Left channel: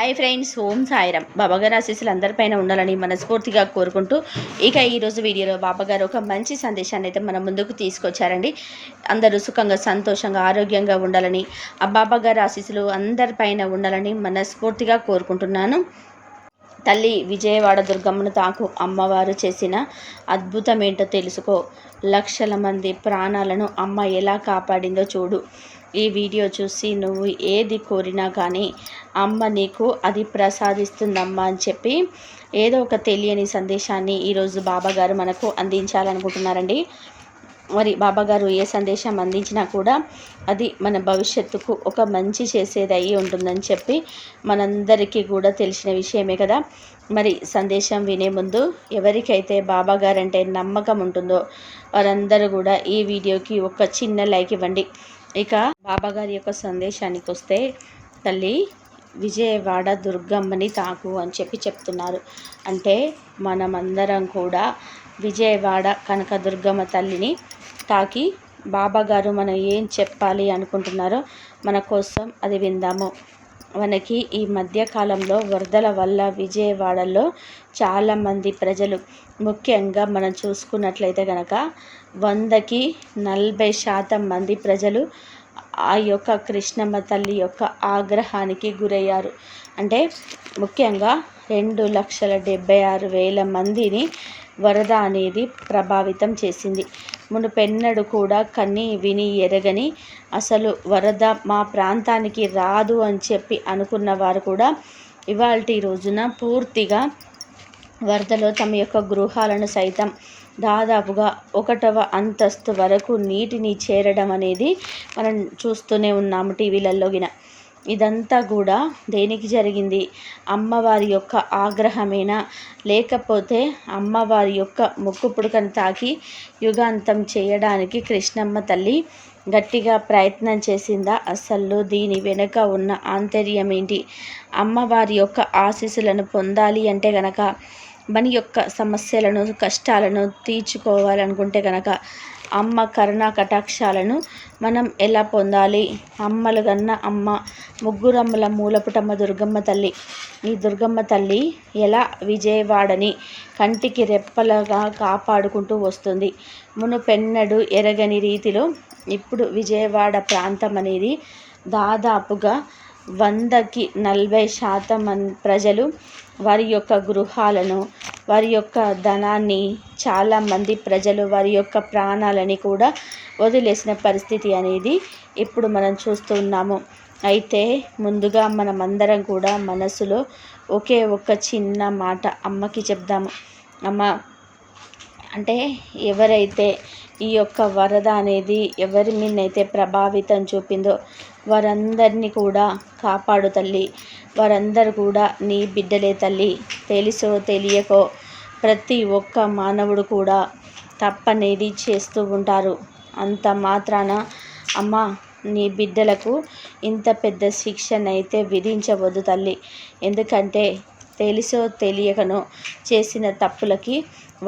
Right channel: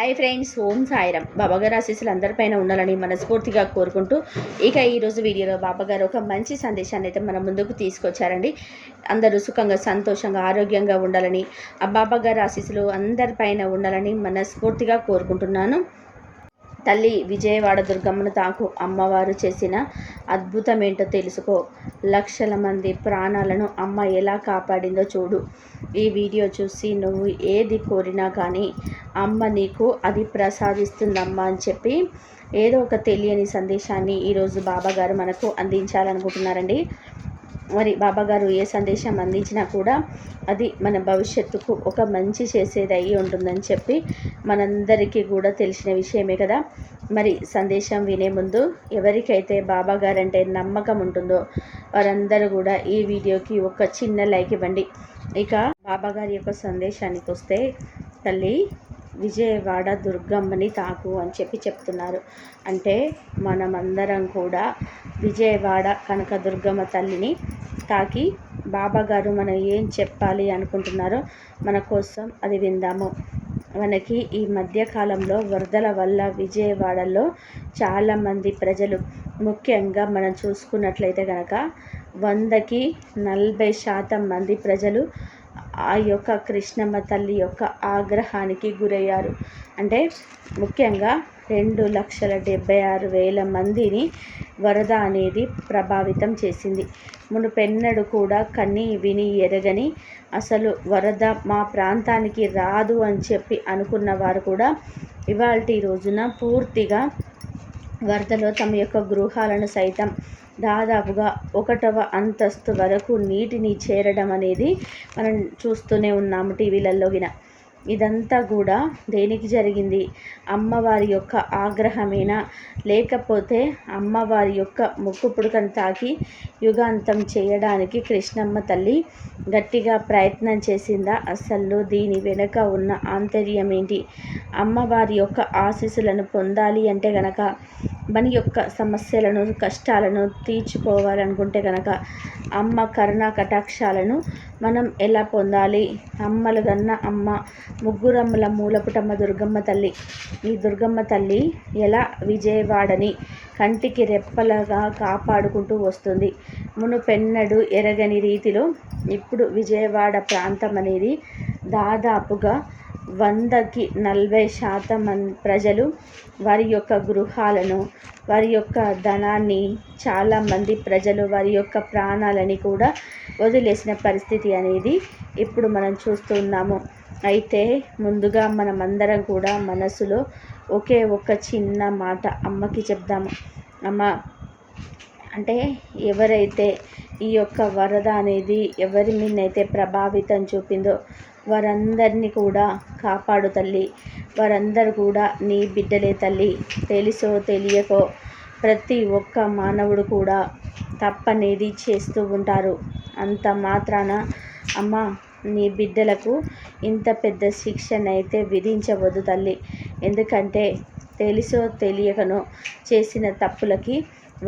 Hi friends, ఓం సాయిరామ్. బాబాగారు ఆశీస్సులు అందరిపైన ఉండాలని మనస్ఫూర్తిగా కోరుకుంటూ ఈరోజు వీడియోలో బాబాగారు ఒక మంచి సందేశాన్ని అయితే మన ముందుకు తీసుకొచ్చారండి. అందరూ సుఖంగా, సంతోషంగా, ఆరోగ్యంగా ఉండాలని, ఆ బాబాగారు ఆశీస్సులు అందరిపైన ఉండాలని మనస్ఫూర్తిగా కోరుకుంటున్నాను. తల్లి విజయవాడ దుర్గమ్మను తాకు అమ్మవారు చేసిన అద్భుతం ఏంటో తెలుసుకో. లక్షల మంది ప్రాణాలను అమ్మ ఎలా కాపాడిందో చూడు. ఈ వీడియో చూసి నువ్వు ఏది కోరినా కానీ అమ్మ నీకు అది ప్రసాదిస్తుందమ్మా అని చెప్పి ఏదో ఒక తెలియని సందేశాన్ని ఈరోజు బాబాగారు మనకు అందించాలనుకుంటున్నారండి. మరి బాబాగారు ఏ సందేశం అందించినా కూడా అది మన భవిష్యత్తుకు ఒక మంచి చేసేది అయ్యి ఉంటుందని చెప్పి మనందరికీ కూడా తెలిసిన విషయమే కదా. మరి సందేశం వినే ముందు ఎవరికైతే బాబాగారు అంటే నమ్మకం ఉంటుందో వారందరూ కూడా ఈ వీడియోకి ఒక చిన్న లైక్ ఇవ్వండి. ఇక బాబాగారి యొక్క సందేశానికి వస్తే, తల్లి విజయవాడ దుర్గమ్మని తాకు అని చెప్పి చెప్తున్నారు. అంటే మనమందరం కూడా విజయవాడ కనకదుర్గమ్మ తల్లిని తాకి బాబాగారు మనం ఏం చెప్పాలి అనుకుంటున్నారో మన కోసం అది విందాము. మనకి ఈ మధ్యకాలంలో వరదల వల్ల విజయవాడలో చాలామంది ప్రజలు, ముఖ్యంగా మనం చూసుకున్నట్లయితే కనుక 100కి 40% మంది ప్రజలు ఆ యొక్క కృష్ణమ్మ తల్లి యొక్క ఆగ్రహానికి గురయ్యారు. అంటే ముఖ్యంగా 2,76,000 మందిని వరద అనేది ప్రభావితం చేసింది. మునుపెన్నడు కూడా కని విని ఎరగని అసలు వరద మా ప్రాంతానికి రాదు అని చెప్పి అనుకున్న వారు కూడా ఇవాల్టి రోజున పూర్తిగా వరదలో తమ యొక్క గృహాలను సైతం దాదాపుగా 1వ అంతస్తు వరకు నీటిని చేరడం అనేది మనం చూస్తూనే ఉన్నాము టీవీలలోగిన. ఇదంతా కూడా దేనికి జరిగింది? అమ్మవారి యొక్క ఆగ్రహమేనా, లేకపోతే అమ్మవారి యొక్క ముక్కు పుడకను తాకి యుగాంతం చేయడానికి కృష్ణమ్మ తల్లి గట్టిగా ప్రయత్నం చేసిందా? అసలు దీని వెనుక ఉన్న ఆంతర్యం ఏంటి? అమ్మవారి యొక్క ఆశీస్సులను పొందాలి అంటే గనక, మన యొక్క సమస్యలను, కష్టాలను తీర్చుకోవాలనుకుంటే కనుక అమ్మ కరుణా కటాక్షాలను మనం ఎలా పొందాలి? అమ్మలు గన్న అమ్మ, ముగ్గురమ్మల మూలపుటమ్మ దుర్గమ్మ తల్లి. ఈ దుర్గమ్మ తల్లి ఎలా విజయవాడని కంటికి రెప్పలుగా కాపాడుకుంటూ వస్తుంది. మునుపెన్నడు ఎరగని రీతిలో ఇప్పుడు విజయవాడ ప్రాంతం అనేది దాదాపుగా 100కి 40% ప్రజలు వారి యొక్క గృహాలను, వారి యొక్క ధనాన్ని, చాలామంది ప్రజలు వారి యొక్క ప్రాణాలని కూడా వదిలేసిన పరిస్థితి అనేది ఇప్పుడు మనం చూస్తున్నాము. అయితే ముందుగా మనమందరం కూడా మనసులో ఒకే ఒక చిన్న మాట అమ్మకి చెప్దాము. అమ్మ, అంటే ఎవరైతే ఈ యొక్క వరద అనేది ఎవరి మీదనైతే ప్రభావితం చూపిందో వారందరినీ కూడా కాపాడు తల్లి. వారందరూ కూడా నీ బిడ్డలే తల్లి. తెలిసో తెలియకో ప్రతి ఒక్క మానవుడు కూడా తప్పనేది చేస్తూ ఉంటారు. అంత మాత్రాన అమ్మ నీ బిడ్డలకు ఇంత పెద్ద శిక్షనైతే విధించవద్దు తల్లి. ఎందుకంటే తెలిసో తెలియకనో చేసిన తప్పులకి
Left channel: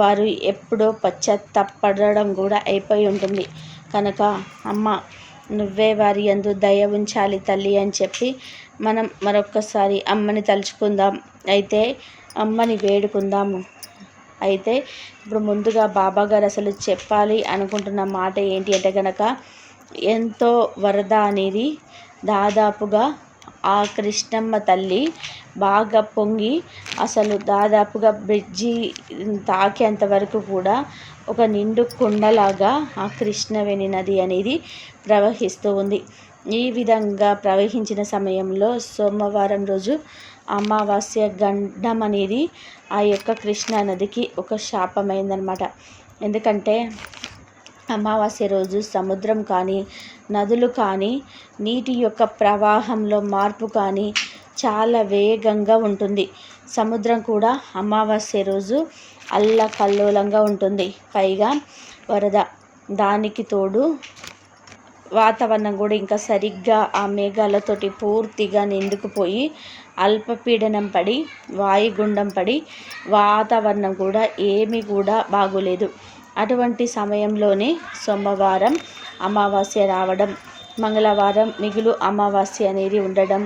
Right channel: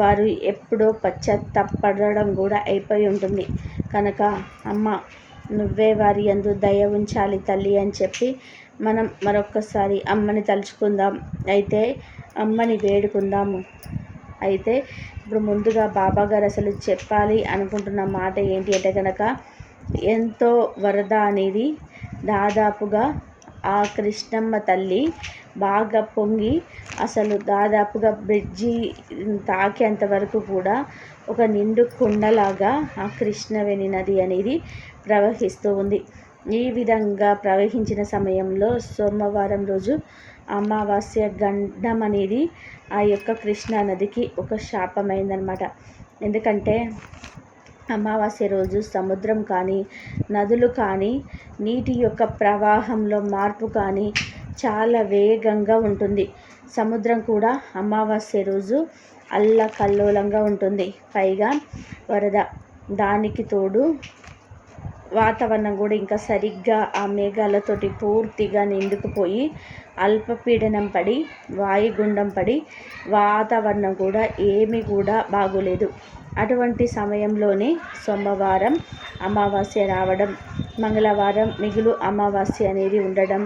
వారు ఎప్పుడో పశ్చాత్తాపడడం కూడా అయిపోయి ఉంటుంది. కనుక అమ్మ నువ్వే వారి యందు దయ ఉంచాలి తల్లి అని చెప్పి మనం మరొక్కసారి అమ్మని తలుచుకుందాం. అయితే అమ్మని వేడుకుందాము. అయితే ఇప్పుడు ముందుగా బాబాగారు అసలు చెప్పాలి అనుకుంటున్న మాట ఏంటి అంటే కనుక, ఎంతో వరద అనేది దాదాపుగా ఆ కృష్ణమ్మ తల్లి బాగా పొంగి అసలు దాదాపుగా బ్రిడ్జి తాకేంత వరకు కూడా ఒక నిండు కుండలాగా ఆ కృష్ణవేణి నది అనేది ప్రవహిస్తూ ఉంది. ఈ విధంగా ప్రవహించిన సమయంలో సోమవారం రోజు అమావాస్య గండం అనేది ఆ యొక్క కృష్ణా నదికి ఒక శాపమైందనమాట. ఎందుకంటే అమావాస్య రోజు సముద్రం కానీ, నదులు కానీ, నీటి యొక్క ప్రవాహంలో మార్పు కానీ చాలా వేగంగా ఉంటుంది. సముద్రం కూడా అమావాస్య రోజు అల్లకల్లోలంగా ఉంటుంది. పైగా వరద, దానికి తోడు వాతావరణం కూడా ఇంకా సరిగ్గా ఆ మేఘాలతోటి పూర్తిగా నిండుకుపోయి అల్పపీడనం పడి, వాయుగుండం పడి వాతావరణం కూడా ఏమీ కూడా బాగోలేదు. అటువంటి సమయంలోనే సోమవారం అమావాస్య రావడం, మంగళవారం మిగులు అమావాస్య అనేది ఉండడం,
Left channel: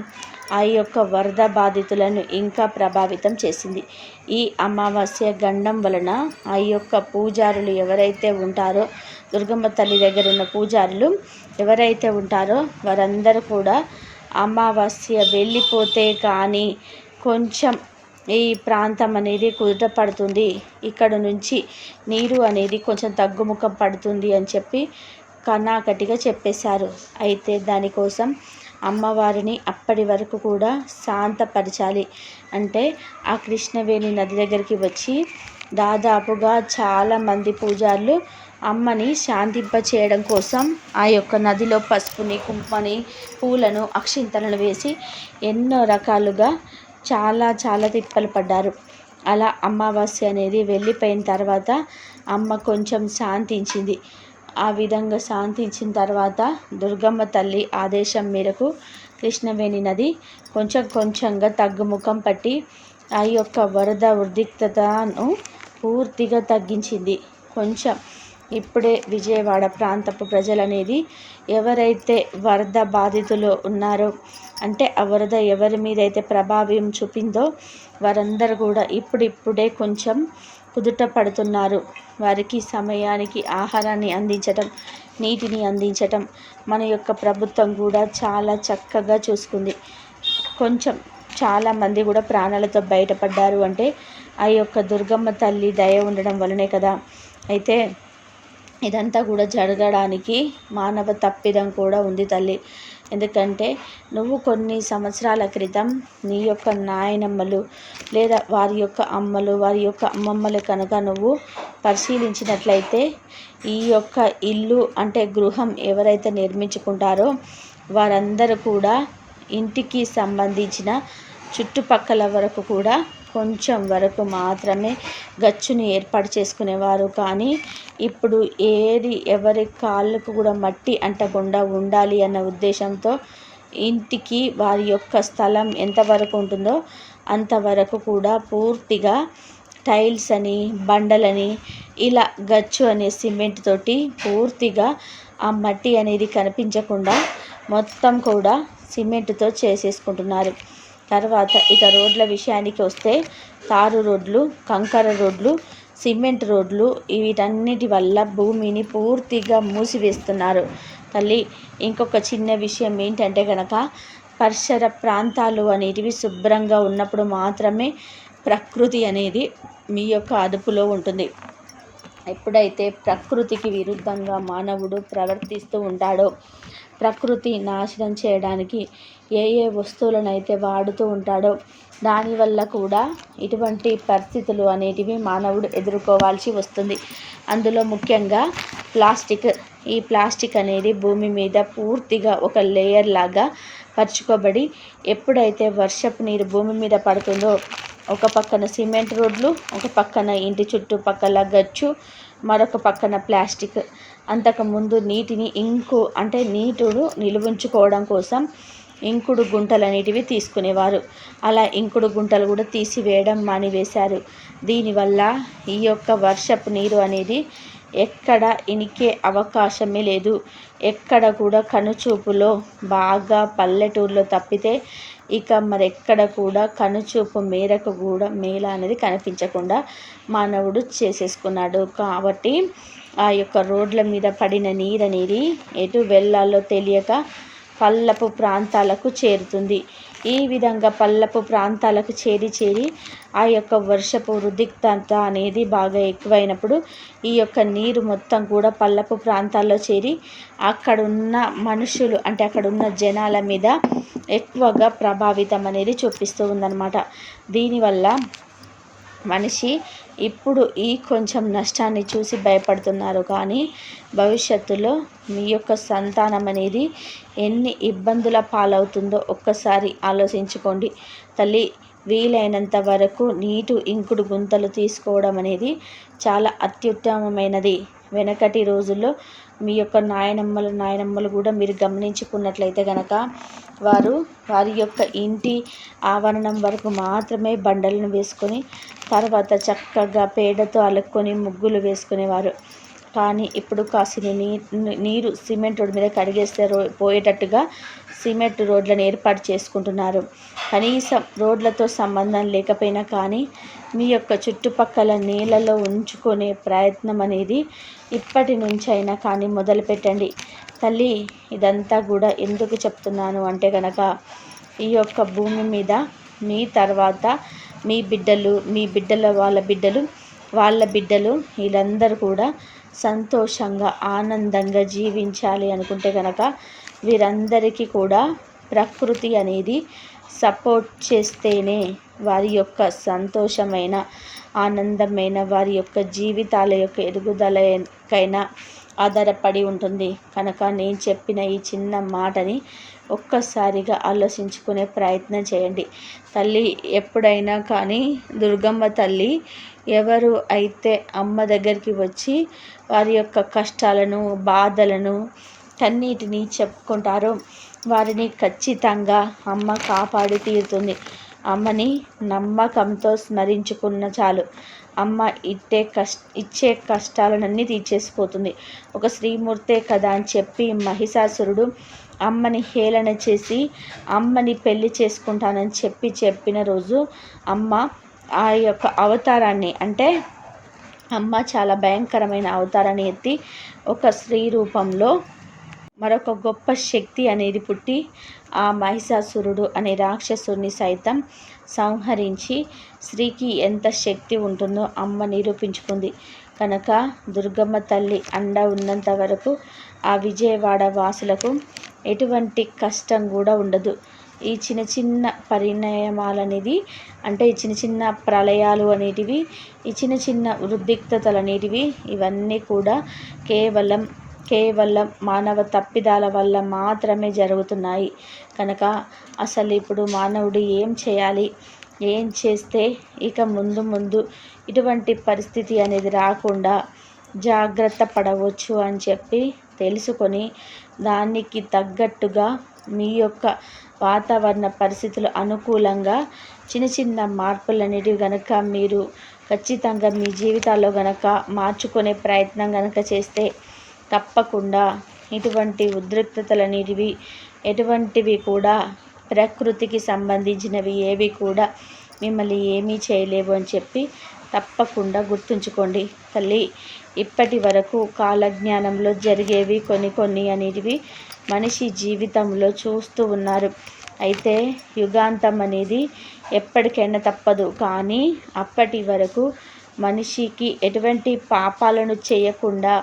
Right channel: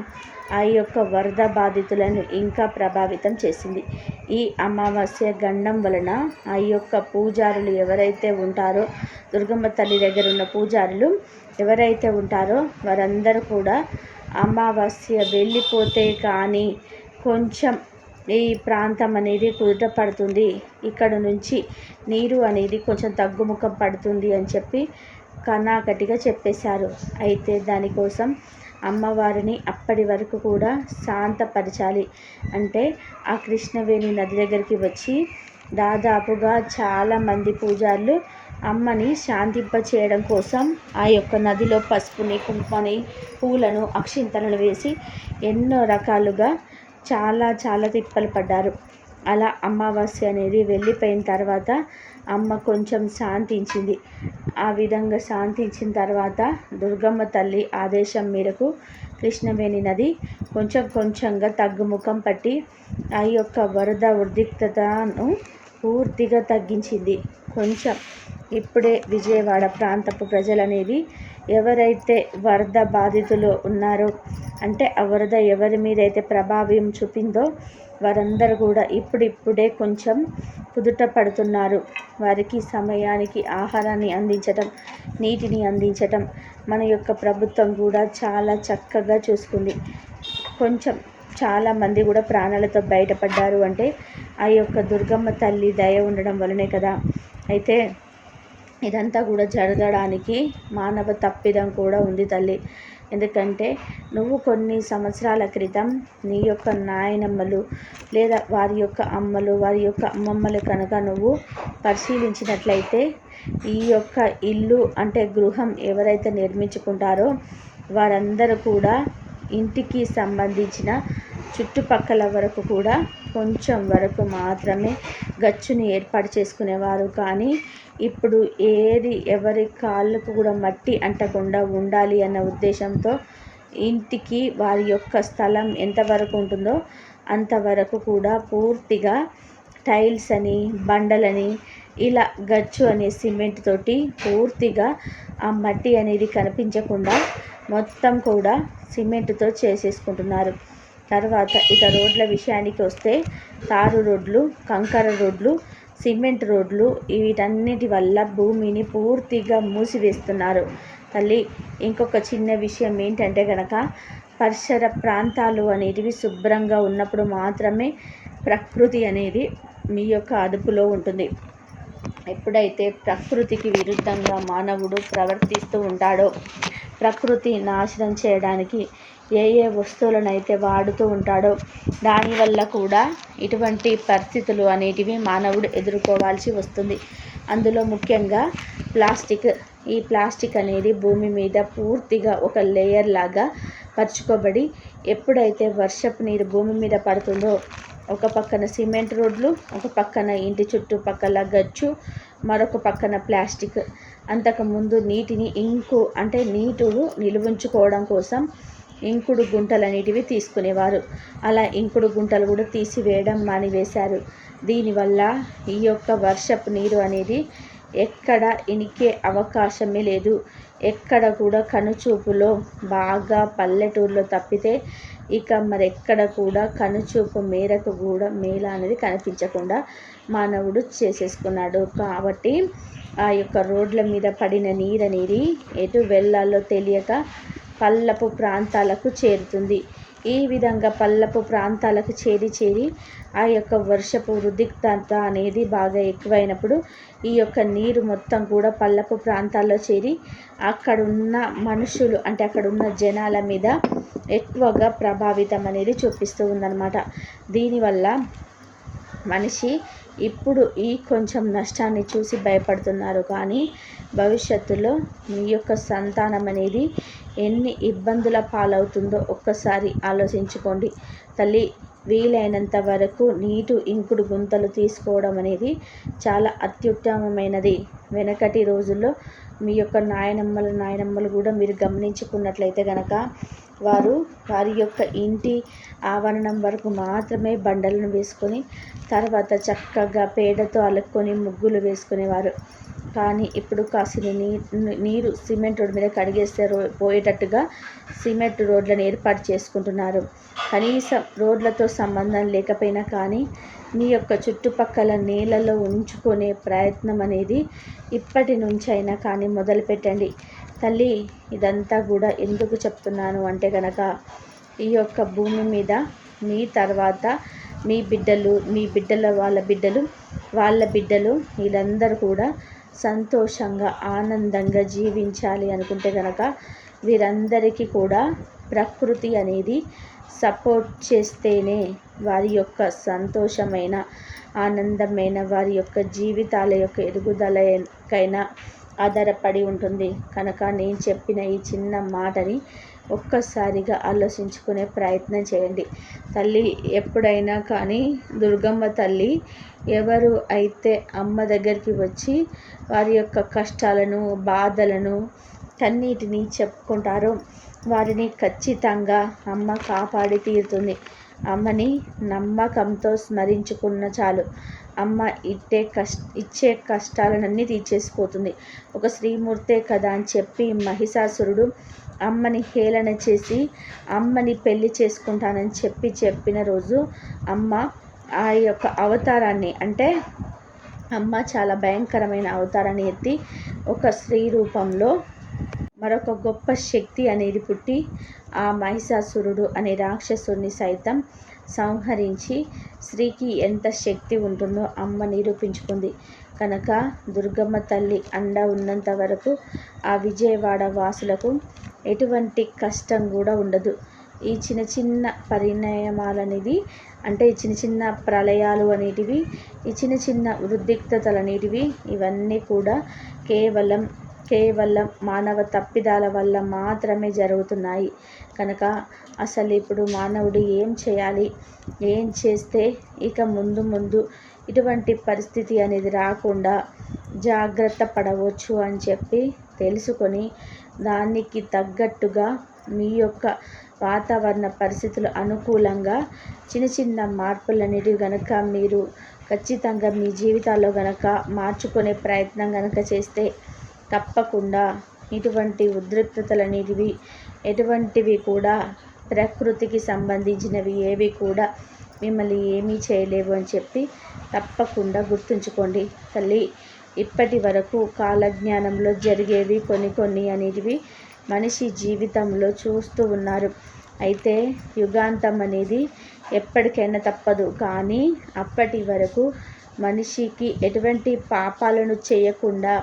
ఆ యొక్క వరద బాధితులను ఇంకా ప్రభావితం చేసింది. ఈ అమావాస్య గండం వలన ఆ యొక్క పూజారులు ఎవరైతే ఉంటారో, దుర్గమ్మ తల్లి దగ్గర ఉన్న పూజారులు ఎవరైతే ఉంటారో వారందరూ కూడా అమావాస్య వెళ్ళిపోతే కానీ కొంచెం ఈ ప్రాంతం అనేది కుదుట పడుతుంది, ఇక్కడ నుంచి నీరు అనేది కొంచెం తగ్గుముఖం పడుతుంది అని చెప్పి కన్నాకటిగా చెప్పేశారు. అయితే దానికోసం అమ్మవారిని అప్పటి వరకు కూడా శాంతపరచాలి. అంటే ఆ కృష్ణవేణి నది దగ్గరికి వచ్చి దాదాపుగా చాలామంది పూజారులు అమ్మని శాంతింప చేయడం కోసం ఆ యొక్క నదిలో పసుపుని, కుంకుమని, పూలను, అక్షింతలను వేసి ఎన్నో రకాలుగా చాలా తిప్పలు పడ్డారు. అలా అమావాస్య అనేది వెళ్ళిపోయిన తర్వాత అమ్మ కొంచెం శాంతించింది. ఆ విధంగా శాంతించిన తర్వాత దుర్గమ్మ తల్లి ఆదేశం మేరకు కృష్ణవేణి నది కొంచెంగా తగ్గుముఖం పట్టి ఆ యొక్క వరద ఉద్రిక్తతను పూర్తిగా తగ్గించింది. కొంచెం ఇప్పుడే విజయవాడ ప్రాంతపు ప్రజలనేది ఎవరైతే వరద బాధితులు ఉన్నారో, అంటే ఆ వరద ఎవరి మీద అయితే ప్రభావం చూపిందో వారందరూ కూడా ఇప్పుడిప్పుడే కొంచెం కుదుట పడుతున్నారు. వారికి సమయానికి ఆహారాన్ని అందించటం, నీటిని అందించటం మన యొక్క ప్రభుత్వం కూడా చాలా చక్కగా చూసుకుంది. కొంచెం చాలామంది కూడా ప్రాణాలతో బయటపడ్డారు అంటే ఆ యొక్క దుర్గమ్మ తల్లి దయ ఉండడం వలనే కదా. అయితే ఇదంతా కూడా జరగడానికి మానవ తప్పిదం కూడా ఉంది తల్లి. ఎందుకంటే నువ్వు కొన్ని సంవత్సరాల క్రితం నీ యొక్క నాయనమ్మలు లేదా వారి యొక్క అమ్మలు, వారి యొక్క అమ్మమ్మలు కనుక నువ్వు పరిశీలించినట్లయితే ఈ యొక్క ఇల్లు అంటే గృహం ఎవరైతే నిర్మించుకుంటారో వారందరూ కూడా ఇంటికి సంబంధించిన చుట్టుపక్కల వరకు కూడా కొంచెం వరకు మాత్రమే గచ్చుని ఏర్పాటు చేసుకునేవారు. కానీ ఇప్పుడు ఎవరి కాళ్ళకు కూడా మట్టి అంటకుండా ఉండాలి అన్న ఉద్దేశంతో ఇంటికి వారి యొక్క స్థలం ఎంతవరకు ఉంటుందో అంతవరకు కూడా పూర్తిగా టైల్స్ అని, బండలని, ఇలా గచ్చు అనే సిమెంట్ తోటి పూర్తిగా ఆ మట్టి అనేది కనిపించకుండా మొత్తం కూడా సిమెంట్తో చేసేసుకుంటున్నారు. తర్వాత ఇక రోడ్ల విషయానికి వస్తే తారు రోడ్లు, కంకర రోడ్లు, సిమెంట్ రోడ్లు వీటన్నిటి వల్ల భూమిని పూర్తిగా మూసివేస్తున్నారు తల్లి. ఇంకొక చిన్న విషయం ఏంటంటే కనుక పరిసర ప్రాంతాలు అనేటివి శుభ్రంగా ఉన్నప్పుడు మాత్రమే ప్రకృతి అనేది మీ యొక్క అదుపులో ఉంటుంది. ఎప్పుడైతే ప్రకృతికి విరుద్ధంగా మానవుడు ప్రవర్తిస్తూ ఉంటాడో, ప్రకృతి నాశనం చేయడానికి ఏ వస్తువులనైతే వాడుతూ ఉంటాడో దానివల్ల కూడా ఇటువంటి పరిస్థితులు అనేటివి మానవుడు ఎదుర్కోవాల్సి వస్తుంది. అందులో ముఖ్యంగా ప్లాస్టిక్. ఈ ప్లాస్టిక్ అనేది భూమి మీద పూర్తిగా ఒక లేయర్ లాగా పరుచుకోబడి ఎప్పుడైతే వర్షపు నీరు భూమి మీద పడుతుందో ఒక పక్కన సిమెంట్ రోడ్లు, ఒక పక్కన ఇంటి చుట్టుపక్కల గచ్చు, మరొక పక్కన ప్లాస్టిక్. అంతకుముందు నీటిని నీటును నిలువుంచుకోవడం కోసం ఇంకుడు గుంటలు అనేటివి తీసుకునేవారు. అలా ఇంకుడు గుంటలు కూడా తీసివేయడం మానివేశారు. దీనివల్ల ఈ యొక్క వర్షపు నీరు అనేది ఎక్కడ ఇనికే అవకాశమే లేదు. ఎక్కడ కూడా కనుచూపులో బాగా పల్లెటూరులో తప్పితే ఇక మరెక్కడ కూడా కనుచూపు మేరకు కూడా మేళ అనేది కనిపించకుండా మానవుడు చేసేసుకున్నాడు. కాబట్టి ఆ యొక్క రోడ్ల మీద పడిన నీరు అనేది ఎటు వెళ్ళాలో తెలియక పల్లపు ప్రాంతాలకు చేరుతుంది. ఈ విధంగా పల్లపు ప్రాంతాలకు చేరి ఆ యొక్క వర్షపు ఉద్రిక్తత అనేది బాగా ఎక్కువైనప్పుడు ఈ యొక్క నీరు మొత్తం కూడా పల్లపు ప్రాంతాల్లో చేరి అక్కడున్న మనుషులు అంటే అక్కడున్న జనాల మీద ఎక్కువగా ప్రభావితం అనేది చూపిస్తూ ఉందన్నమాట. దీనివల్ల మనిషి ఇప్పుడు ఈ కొంచెం నష్టాన్ని చూసి భయపడుతున్నారు. కానీ భవిష్యత్తులో మీ యొక్క సంతానం అనేది ఎన్ని ఇబ్బందుల పాలవుతుందో ఒక్కసారి ఆలోచించుకోండి తల్లి. వీలైనంత వరకు ఇంకుడు గుంతలు తీసుకోవడం అనేది చాలా అత్యుత్తమమైనది. వెనకటి రోజుల్లో మీ యొక్క నాయనమ్మలు కూడా మీరు గమనించుకున్నట్లయితే కనుక వారి యొక్క ఇంటి ఆవరణం వరకు మాత్రమే బండలను వేసుకొని తర్వాత చక్కగా పేడతో అలుక్కొని ముగ్గులు వేసుకునేవారు. కానీ ఇప్పుడు కాసిన నీరు సిమెంట్ రోడ్డు మీద కడిగేస్తే పోయేటట్టుగా సిమెంట్ రోడ్లను ఏర్పాటు చేసుకుంటున్నారు. కనీసం రోడ్లతో సంబంధం లేకపోయినా కానీ మీ యొక్క చుట్టుపక్కల నీళ్ళలో ఉంచుకునే ప్రయత్నం అనేది ఇప్పటి నుంచైనా కానీ మొదలుపెట్టండి. తల్లి, ఇదంతా కూడా ఎందుకు చెప్తున్నాను అంటే కనుక, ఈ యొక్క భూమి మీద మీ తర్వాత మీ బిడ్డలు, మీ బిడ్డల వాళ్ళ బిడ్డలు వీళ్ళందరూ కూడా సంతోషంగా ఆనందంగా జీవించాలి అనుకుంటే కనుక వీరందరికీ కూడా ప్రకృతి అనేది సపోర్ట్ చేస్తేనే వారి యొక్క సంతోషమైన ఆనందమైన వారి యొక్క జీవితాల యొక్క ఎదుగుదలకైనా ఆధారపడి ఉంటుంది. కనుక నేను చెప్పిన ఈ చిన్న మాటని ఒక్కసారిగా ఆలోచించుకునే ప్రయత్నం చేయండి. తల్లి ఎప్పుడైనా కానీ దుర్గమ్మ తల్లి ఎవరు అయితే అమ్మ దగ్గరికి వచ్చి వారి యొక్క కష్టాలను, బాధలను, కన్నీటిని చెప్పుకుంటారో వారిని ఖచ్చితంగా అమ్మ కాపాడి తీరుతుంది. అమ్మని నమ్మకంతో స్మరించుకున్న చాలు, అమ్మ ఇచ్చే కష్టాలన్నీ తీర్చేసిపోతుంది. ఒక శ్రీమూర్తే కదా అని చెప్పి మహిషాసురుడు అమ్మని హేళన చేసి అమ్మని పెళ్లి చేసుకుంటానని చెప్పిన రోజు అమ్మ ఆ యొక్క అవతారాన్ని, అంటే అమ్మ చాలా భయంకరమైన అవతారాన్ని ఎత్తి ఒక స్త్రీ రూపంలో మరొక గొప్ప శక్తి అనేది పుట్టి ఆ మహిషాసురుడు అనే రాక్షసుని సైతం సంహరించి స్త్రీకి ఎంత శక్తి ఉంటుందో అమ్మ నిరూపించుకుంది. కనుక దుర్గమ్మ తల్లి అండ ఉన్నంత వరకు ఆ విజయవాడ వాసులకు ఎటువంటి కష్టం కూడా ఉండదు. ఈ చిన్న చిన్న పరిణామాలనేది, అంటే ఈ చిన్న చిన్న ప్రళయాలు అనేటివి, ఈ చిన్న చిన్న ఉద్రిక్తతలు అనేటివి, ఇవన్నీ కూడా కేవలం మానవ తప్పిదాల వల్ల మాత్రమే జరుగుతున్నాయి. కనుక అసలు ఇప్పుడు మానవుడు ఏం చేయాలి, ఏం చేస్తే ఇక ముందు ఇటువంటి పరిస్థితి అనేది రాకుండా జాగ్రత్త పడవచ్చు అని చెప్పి తెలుసుకొని దానికి తగ్గట్టుగా మీ యొక్క వాతావరణ పరిస్థితులు అనుకూలంగా చిన్న చిన్న మార్పులు అనేటివి కనుక మీరు ఖచ్చితంగా మీ జీవితాల్లో కనుక మార్చుకునే ప్రయత్నం కనుక చేస్తే తప్పకుండా ఇటువంటి ఉద్రిక్తతలు అనేటివి ఎటువంటివి కూడా ప్రకృతికి సంబంధించినవి ఏవి కూడా మిమ్మల్ని ఏమీ చేయలేవు అని చెప్పి తప్పకుండా గుర్తుంచుకోండి. తల్లి, ఇప్పటి వరకు కాలజ్ఞానంలో జరిగేవి కొన్ని అనేటివి మనిషి జీవితంలో చూస్తూ ఉన్నారు. అయితే యుగాంతం అనేది ఎప్పటికైనా తప్పదు. కానీ అప్పటి వరకు మనిషికి ఎటువంటి పాపాలను చేయకుండా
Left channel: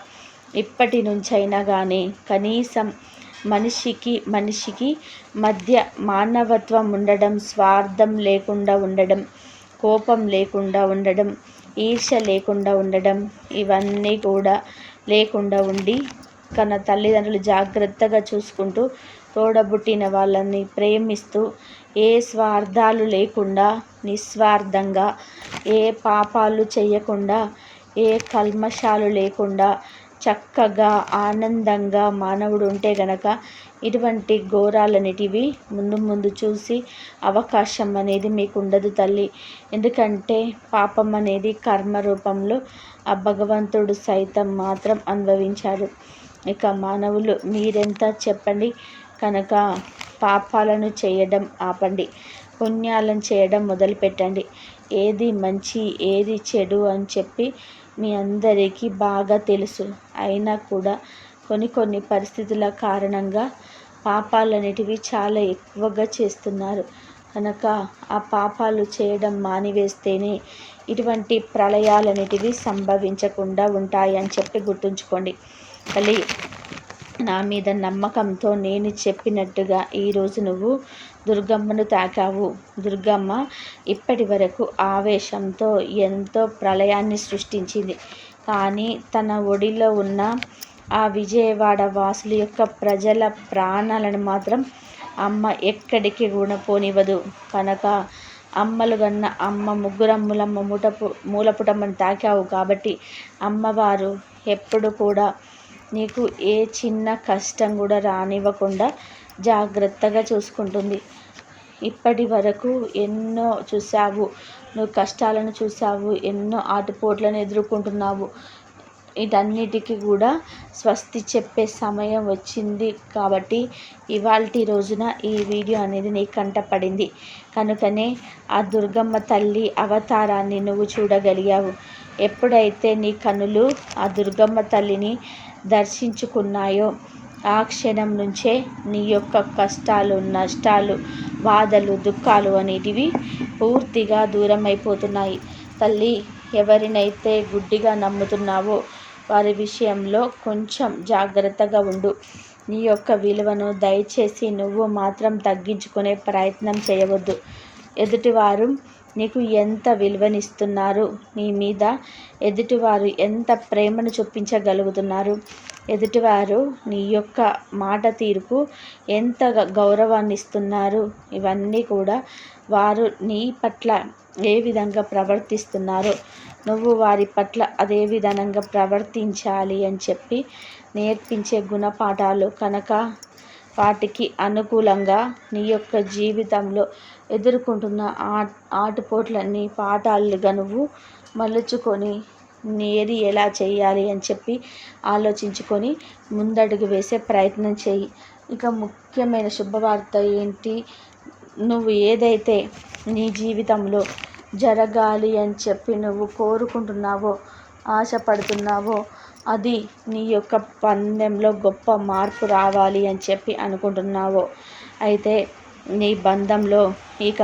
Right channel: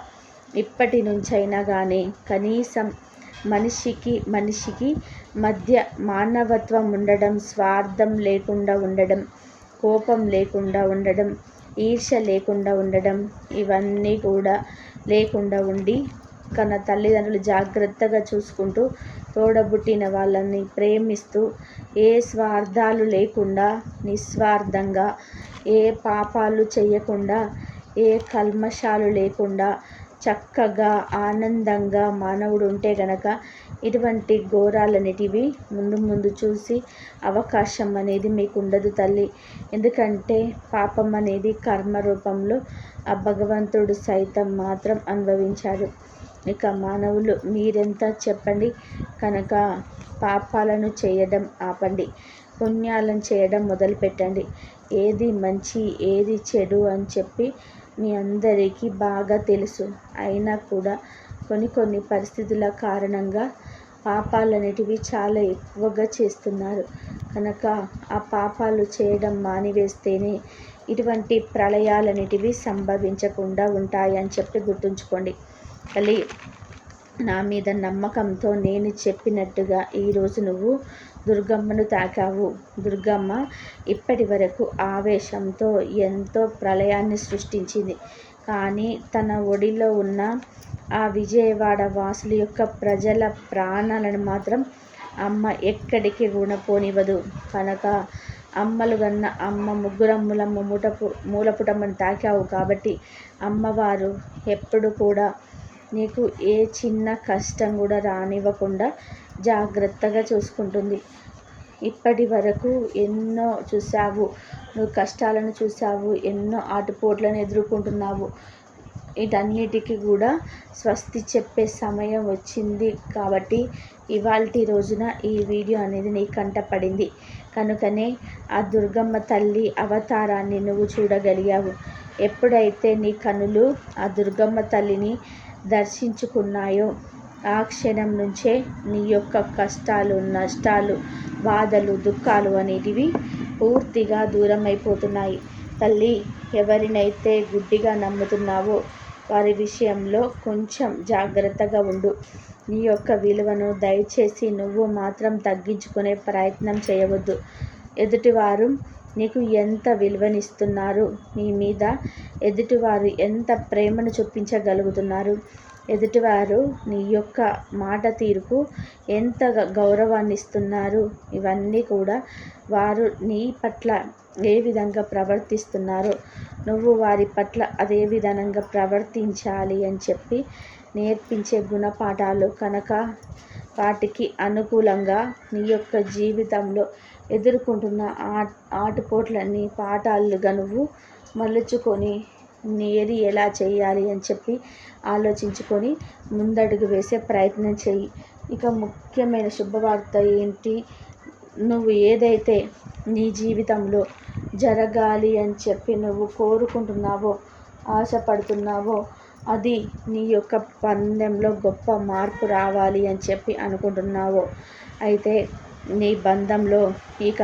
ఇప్పటి నుంచైనా కానీ కనీసం మనిషికి మధ్య మానవత్వం ఉండడం, స్వార్థం లేకుండా ఉండడం, కోపం లేకుండా ఉండడం, ఈర్ష్య లేకుండా ఉండడం, ఇవన్నీ కూడా లేకుండా ఉండి కన్న తల్లిదండ్రులు జాగ్రత్తగా చూసుకుంటూ తోడబుట్టిన వాళ్ళని ప్రేమిస్తూ ఏ స్వార్థాలు లేకుండా నిస్వార్థంగా, ఏ పాపాలు చేయకుండా, ఏ కల్మషాలు లేకుండా చక్కగా ఆనందంగా మానవుడు ఉంటే గనక ఇటువంటి ఘోరాలన్నిటివి ముందు చూసి అవకాశం అనేది మీకు ఉండదు తల్లి. ఎందుకంటే పాపం అనేది కర్మ రూపంలో ఆ భగవంతుడు సైతం మాత్రం అనుభవించాడు. ఇక మానవులు మీరెంత చెప్పండి. కనుక పాపాలను చేయడం ఆపండి, పుణ్యాలను చేయడం మొదలుపెట్టండి. ఏది మంచి ఏది చెడు అని చెప్పి మీ అందరికీ బాగా తెలుసు. అయినా కూడా కొన్ని పరిస్థితుల కారణంగా పాపాలు అనేటివి చాలా ఎక్కువగా చేస్తున్నారు. కనుక ఆ పాపాలు చేయడం మానివేస్తేనే ఇటువంటి ప్రళయాలు అనేటివి సంభవించకుండా ఉంటాయి అని చెప్పి గుర్తుంచుకోండి. తల్లి, నా మీద నమ్మకంతో నేను చెప్పినట్టుగా ఈరోజు నువ్వు దుర్గమ్మను తాకావు. దుర్గమ్మ ఇప్పటి వరకు ఆవేశంతో ఎంతో ప్రళయాన్ని సృష్టించింది. కానీ తన ఒడిలో ఉన్న ఆ విజయవాడ వాసుల యొక్క ప్రజల ప్రాణాలను మాత్రం అమ్మ ఎక్కడికి కూడా పోనివ్వదు. కనుక అమ్మలు కన్నా అమ్మ ముగ్గురమ్ములమ్మ మూలపుటమ్మని తాకావు కాబట్టి అమ్మవారు ఎప్పుడు కూడా నీకు ఏ చిన్న కష్టం కూడా రానివ్వకుండా జాగ్రత్తగా చూసుకుంటుంది. ఇప్పటి వరకు ఎన్నో చూసావు, నువ్వు కష్టాలను చూసావు, ఎన్నో ఆటుపోట్లను ఎదుర్కొంటున్నావు. వీటన్నిటికీ కూడా స్వస్తి చెప్పే సమయం వచ్చింది. కాబట్టి ఇవాల్టి రోజున ఈ వీడియో అనేది నీ కంటపడింది కనుకనే ఆ దుర్గమ్మ తల్లి అవతారాన్ని నువ్వు చూడగలిగావు. ఎప్పుడైతే నీ కనులు ఆ దుర్గమ్మ తల్లిని దర్శించుకున్నాయో ఆ క్షణం నుంచే నీ యొక్క కష్టాలు, నష్టాలు, బాధలు, దుఃఖాలు అనేటివి పూర్తిగా దూరం అయిపోతున్నాయి. తల్లి, ఎవరినైతే గుడ్డిగా నమ్ముతున్నావో వారి విషయంలో కొంచెం జాగ్రత్తగా ఉండు. నీ యొక్క విలువను దయచేసి నువ్వు మాత్రం తగ్గించుకునే ప్రయత్నం చేయవద్దు. ఎదుటివారు నీకు ఎంత విలువనిస్తున్నారు, నీ మీద ఎదుటివారు ఎంత ప్రేమను చూపించగలుగుతున్నారు, ఎదుటివారు నీ యొక్క మాట తీరుకు ఎంత గౌరవాన్ని ఇస్తున్నారు, ఇవన్నీ కూడా వారు నీ పట్ల ఏ విధంగా ప్రవర్తిస్తున్నారో నువ్వు వారి పట్ల అదే విధంగా ప్రవర్తించాలి అని చెప్పి నేర్పించే గుణపాఠాలు కనుక వాటికి అనుకూలంగా నీ యొక్క జీవితంలో ఎదుర్కొంటున్న ఆటుపోట్లన్నీ పాఠాలుగా నువ్వు మలుచుకొని ఏది ఎలా చేయాలి అని చెప్పి ఆలోచించుకొని ముందడుగు వేసే ప్రయత్నం చేయి. ఇక ముఖ్యమైన శుభవార్త ఏంటి? నువ్వు ఏదైతే నీ జీవితంలో జరగాలి అని చెప్పి నువ్వు కోరుకుంటున్నావో, ఆశపడుతున్నావో, అది నీ యొక్క పందెంలో గొప్ప మార్పు రావాలి అని చెప్పి అనుకుంటున్నావో, అయితే నీ బంధంలో ఇక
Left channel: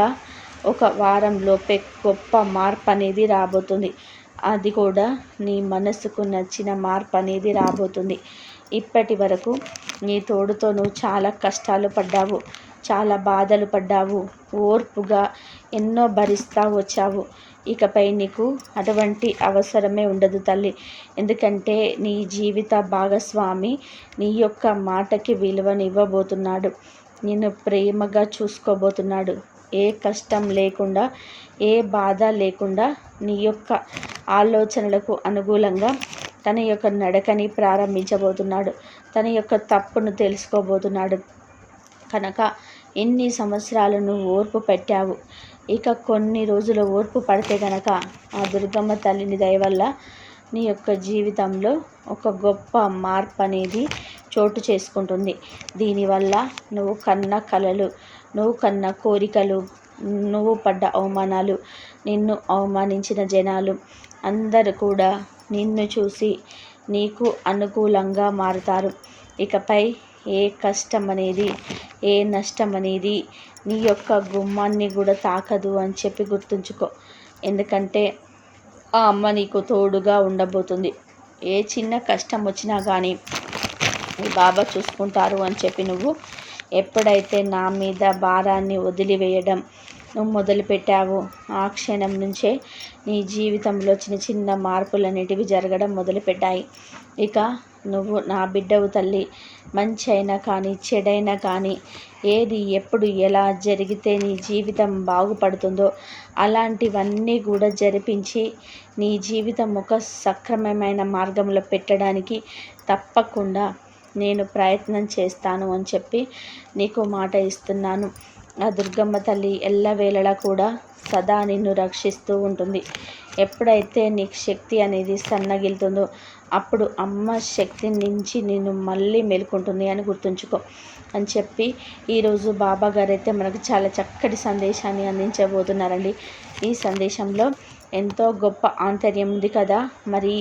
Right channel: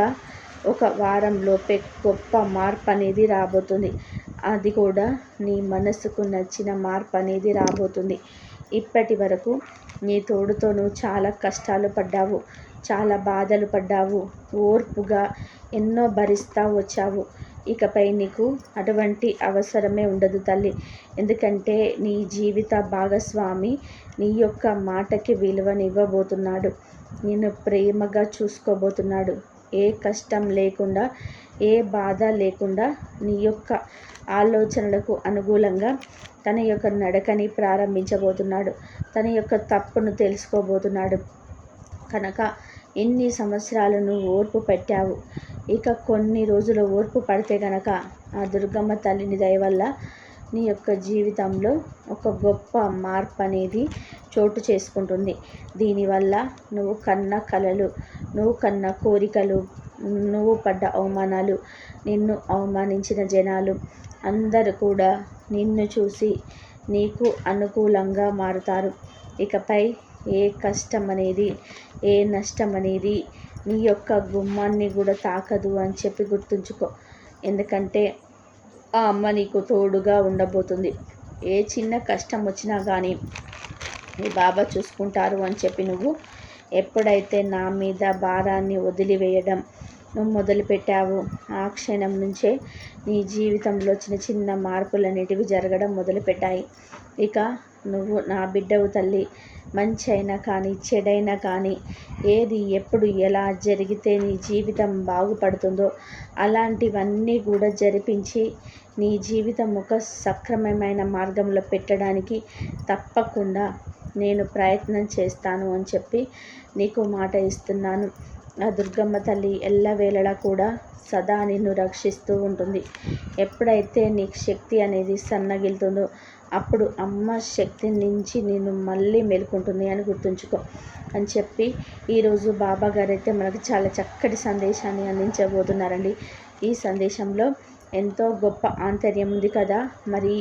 ఒక వారంలోపే గొప్ప మార్పు అనేది రాబోతుంది. అది కూడా నీ మనసుకు నచ్చిన మార్పు అనేది రాబోతుంది. ఇప్పటి వరకు నీ తోడుతో నువ్వు చాలా కష్టాలు పడ్డావు, చాలా బాధలు పడ్డావు, ఓర్పుగా ఎన్నో భరిస్తూ వచ్చావు. ఇకపై నీకు అటువంటి అవసరమే ఉండదు తల్లి. ఎందుకంటే నీ జీవిత భాగస్వామి నీ యొక్క మాటకి విలువనివ్వబోతున్నాడు. నిన్ను ప్రేమగా చూసుకోబోతున్నాడు. ఏ కష్టం లేకుండా, ఏ బాధ లేకుండా నీ యొక్క ఆలోచనలకు అనుకూలంగా తన యొక్క నడకని ప్రారంభించబోతున్నాడు. తన యొక్క తప్పును తెలుసుకోబోతున్నాడు. కనుక ఎన్ని సంవత్సరాలు నువ్వు ఓర్పు పెట్టావు, ఇక కొన్ని రోజులు ఓర్పు పడితే గనక ఆ దుర్గమ్మ తల్లిని దయ వల్ల నీ యొక్క జీవితంలో ఒక గొప్ప మార్పు అనేది చోటు చేసుకుంటుంది. దీనివల్ల నువ్వు కన్న కలలు, నువ్వు కన్న కోరికలు, నువ్వు పడ్డ అవమానాలు, నిన్ను అవమానించిన జనాలు అందరూ కూడా నిన్ను చూసి నీకు అనుకూలంగా మారుతారు. ఇకపై ఏ కష్టం అనేది, ఏ నష్టం అనేది నీ యొక్క గుమ్మాన్ని కూడా తాకదు అని చెప్పి గుర్తుంచుకో. ఎందుకంటే ఆ అమ్మ నీకు తోడుగా ఉండబోతుంది. ఏ చిన్న కష్టం వచ్చినా కానీ మీ బాబా చూసుకుంటారు అని చెప్పి నువ్వు ఎప్పుడైతే నా మీద భారాన్ని వదిలివేయడం నువ్వు మొదలుపెట్టావు, ఆ క్షణం నుంచే నీ జీవితంలో చిన్న చిన్న మార్పులన్నిటివి జరగడం మొదలుపెట్టాయి. ఇక నువ్వు నా బిడ్డవు తల్లి. మంచి అయినా కానీ, చెడైనా కానీ, ఏది ఎప్పుడు ఎలా జరిగితే నీ జీవితం బాగుపడుతుందో అలాంటివన్నీ కూడా జరిపించి నీ జీవితం ఒక సక్రమమైన మార్గంలో పెట్టడానికి తప్పకుండా నేను ప్రయత్నం చేస్తాను అని చెప్పి నీకు మాట ఇస్తున్నాను. ఆ దుర్గమ్మ తల్లి ఎల్లవేళలా కూడా సదా నిన్ను రక్షిస్తూ ఉంటుంది. ఎప్పుడైతే నీకు శక్తి అనేది సన్నగిలుతుందో అప్పుడు అమ్మ శక్తి నుంచి నిన్ను మళ్ళీ మేల్కొంటుంది అని గుర్తుంచుకో అని చెప్పి ఈరోజు బాబా గారు అయితే మనకు చాలా చక్కటి సందేశాన్ని అందించబోతున్నారండి. ఈ సందేశంలో ఎంతో గొప్ప ఆంతర్యం ఉంది కదా. మరి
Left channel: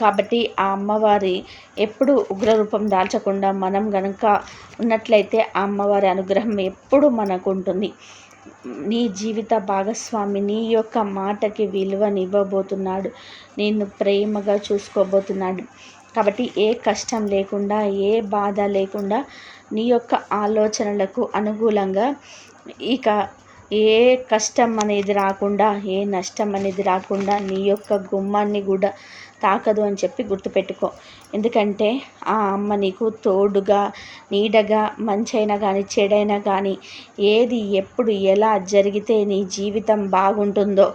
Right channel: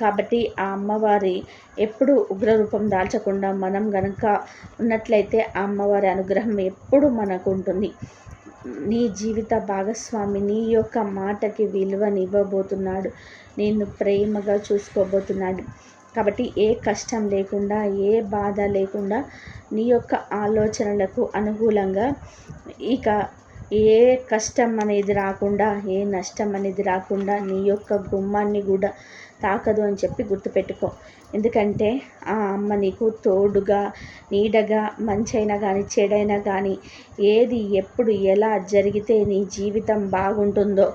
కాబట్టి ఆ అమ్మవారి ఎప్పుడు ఉగ్రరూపం దాల్చకుండా మనం గనుక ఉన్నట్లయితే ఆ అమ్మవారి అనుగ్రహం ఎప్పుడు మనకు ఉంటుంది. నీ జీవిత భాగస్వామి నీ యొక్క మాటకి విలువనివ్వబోతున్నాడు. నిన్ను ప్రేమగా చూసుకోబోతున్నాడు. కాబట్టి ఏ కష్టం లేకుండా, ఏ బాధ లేకుండా, నీ యొక్క ఆలోచనలకు అనుకూలంగా ఇక ఏ కష్టం అనేది రాకుండా, ఏ నష్టం అనేది రాకుండా నీ యొక్క గుమ్మాన్ని కూడా తాకదు అని చెప్పి గుర్తుపెట్టుకో. ఎందుకంటే ఆ అమ్మ నీకు తోడుగా, నీడగా, మంచైనా కానీ, చెడైనా కానీ, ఏది ఎప్పుడు ఎలా జరిగితే నీ జీవితం బాగుంటుందో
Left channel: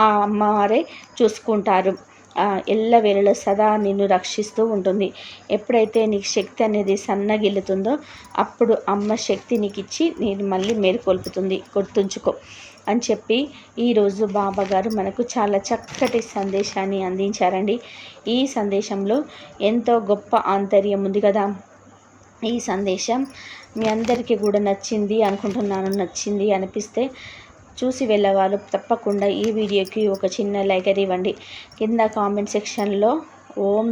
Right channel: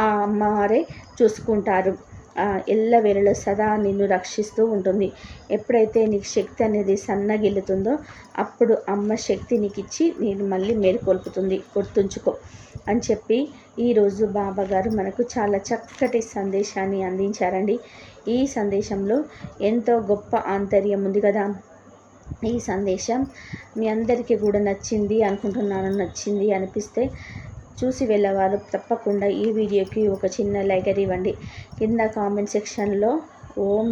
ఆ అమ్మవారే చూసుకుంటారు. ఎల్లవేళలా సదా నిన్ను రక్షిస్తూ ఉంటుంది. ఎప్పుడైతే నీకు శక్తి అనేది సన్నగిల్లుతుందో అప్పుడు అమ్మ శక్తి నీకు ఇచ్చి నేను మళ్ళీ మేలుకొల్పుతుంది. గుర్తుంచుకో అని చెప్పి ఈరోజు బాబా గారు మనకు చాలా చక్కటి సందేశాన్ని అందించారండి. ఈ సందేశంలో ఎంతో గొప్ప ఆంతర్యం ఉంది కదా. ఈ సందేశం మీ అందరికీ కూడా నచ్చింది అనుకుంటున్నాను. నచ్చింది అనిపిస్తే చూసి వెళ్ళేవాళ్ళు తప్పకుండా ఈ వీడియోకి ఒక చిన్న లైక్ ఇవ్వండి. కింద కామెంట్ సెక్షన్లో ఓం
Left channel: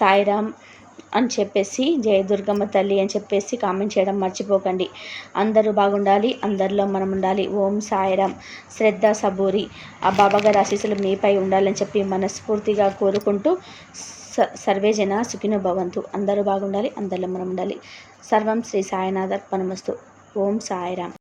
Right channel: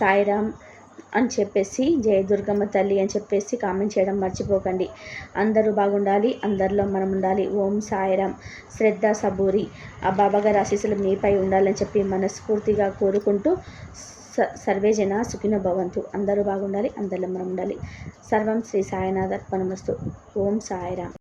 సాయిరామ్ అని చెప్పేసి, జయ దుర్గమ్మ తల్లి అని చెప్పేసి కామెంట్ చేయడం మర్చిపోకండి. అందరూ బాగుండాలి, అందరిలో మనం ఉండాలి. ఓం సాయిరామ్. శ్రద్ధ సబూరి ఆ బాబాగారి ఆశీస్సులు మీపై ఉండాలని చెప్పి మనస్ఫూర్తిగా కోరుకుంటూ సర్వేజన సుఖినో భవంతు. అందరూ బాగుండాలి, అందరిలో మనం ఉండాలి. సర్వం శ్రీ సాయినాథ్ అర్పణమస్తు. ఓం సాయిరామ్.